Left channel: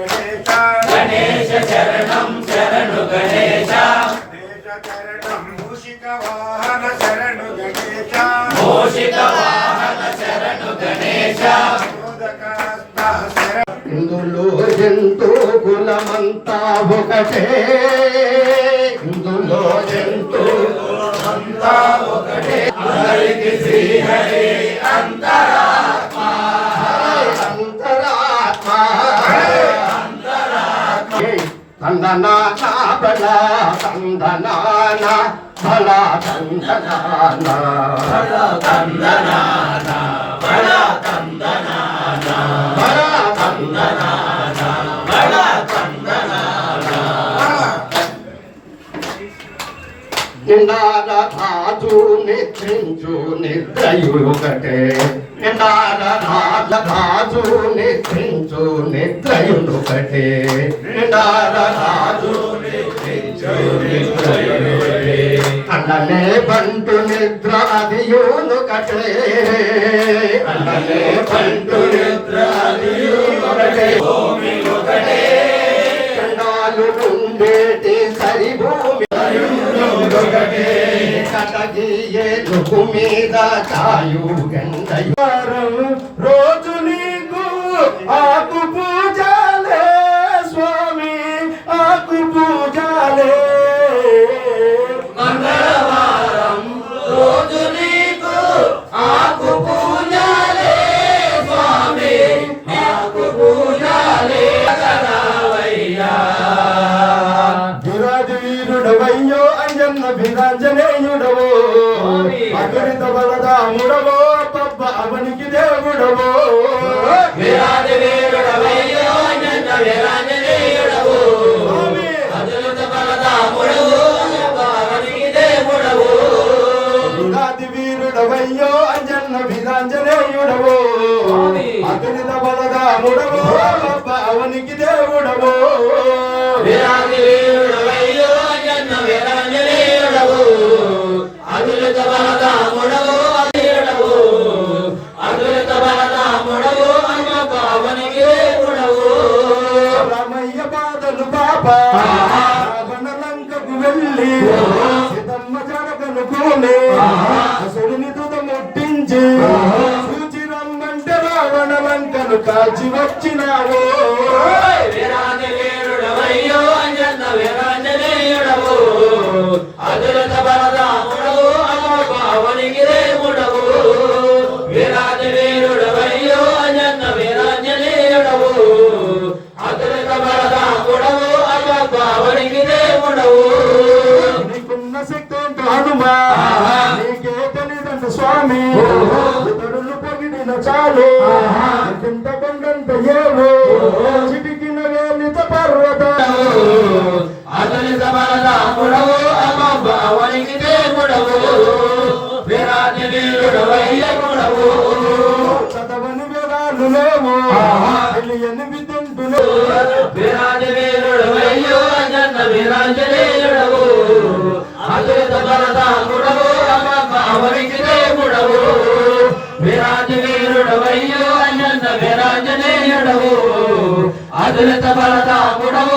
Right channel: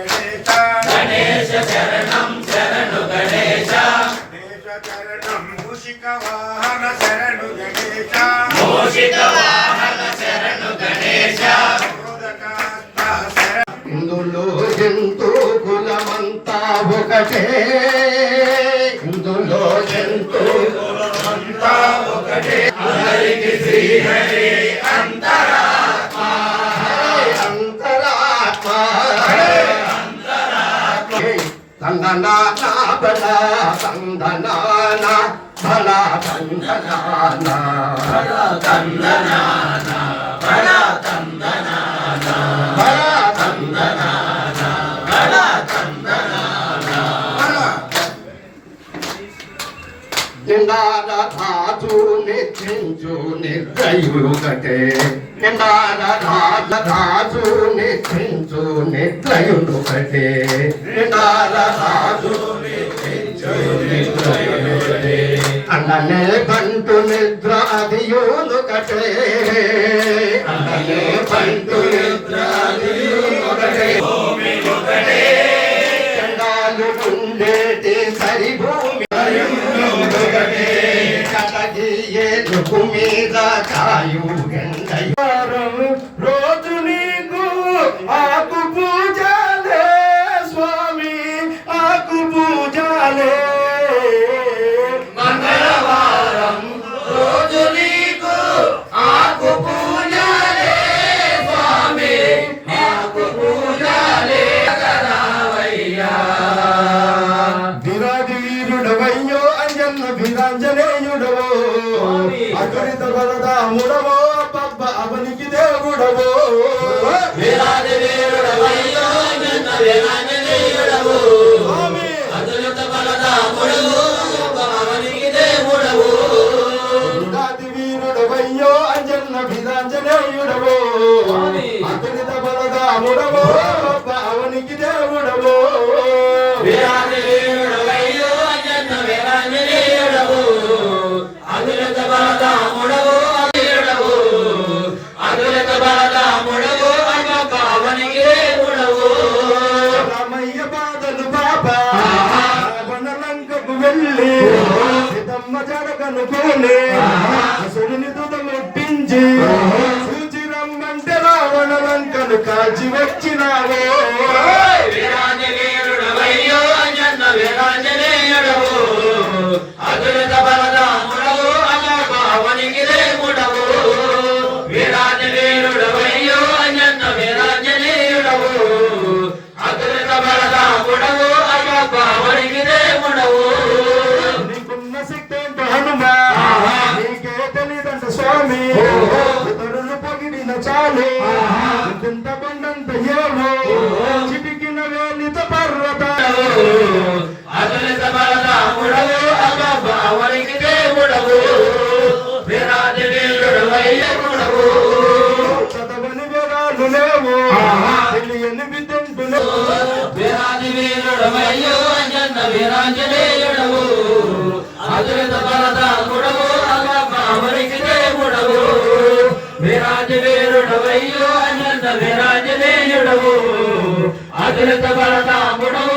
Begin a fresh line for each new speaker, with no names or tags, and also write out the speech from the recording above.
గణేశ
గణేశ శరణం శరణు గణేశ
చరణం మూషిక వాహన శరణు గణేశ
మోషిత వాహన శరణు గణేశ
శరణు
ఇందులో జంతు కులమంతా ఒకటే. ఇందులో జంతు కులమంతా ఒకటే.
హరికి శ్రీహరి అంతరాత్మ.
అంతరాత్మ. తందనాన బల తందనాన బల తందనాన
బల తందనాన బల తందనాన
బల నిండాల ధాతు నిద్రించు నిద్రయుడుకటే నిండాల ధాత ధాతు నిద్రించు నిద్రయుడుకటే అన్ననే పంటు. నిద్ర అదియునుకటే అన్ననే పంటు నిద్ర
భూమి ఒకటే.
చండాలు ఉండేటి సరిభూమి.
ఒకటే.
కటగియేలుకు మీద కాయు గండయారం ఆకు పూజాలే.
మంగళవారం రోజు నీకు ఆకు పూజలే స్వామి. ఆకు పూజలే రావయ్యా
విరాటి వీరుడవయ్యో వీరాంజనేయుడవో. బలదాముడవో అవనికి దేవుడవో.
వీరాది అన్న భవనికి దేవుడవు
రామయ్య బాధలు పాప లంకకు వెళ్ళి. సీతమ్మ జడగను అసురుని తుద
అయ్యప్ప అవనికి దేవుడవు
నీకున్న శక్తి హనుమా? నీకే తెలియదంట స్వామి. చాలు. చింత కొండంత ఏమో. చిటికిన వేలిత పర్వతాలు.
అతులిత బలరాముడవు అయ్యప్ప అవనికి దేవుడవు.
చదవని వివరాలు లేవు తెలియని విదంతులు
వీరాది వీరుడు వయ్యో అంజన్న వీరాంజనేయుడవు వీరుడు వయ్యో అంజన్న వీరాంజనేయుడవు అదురిత బలదాముడవు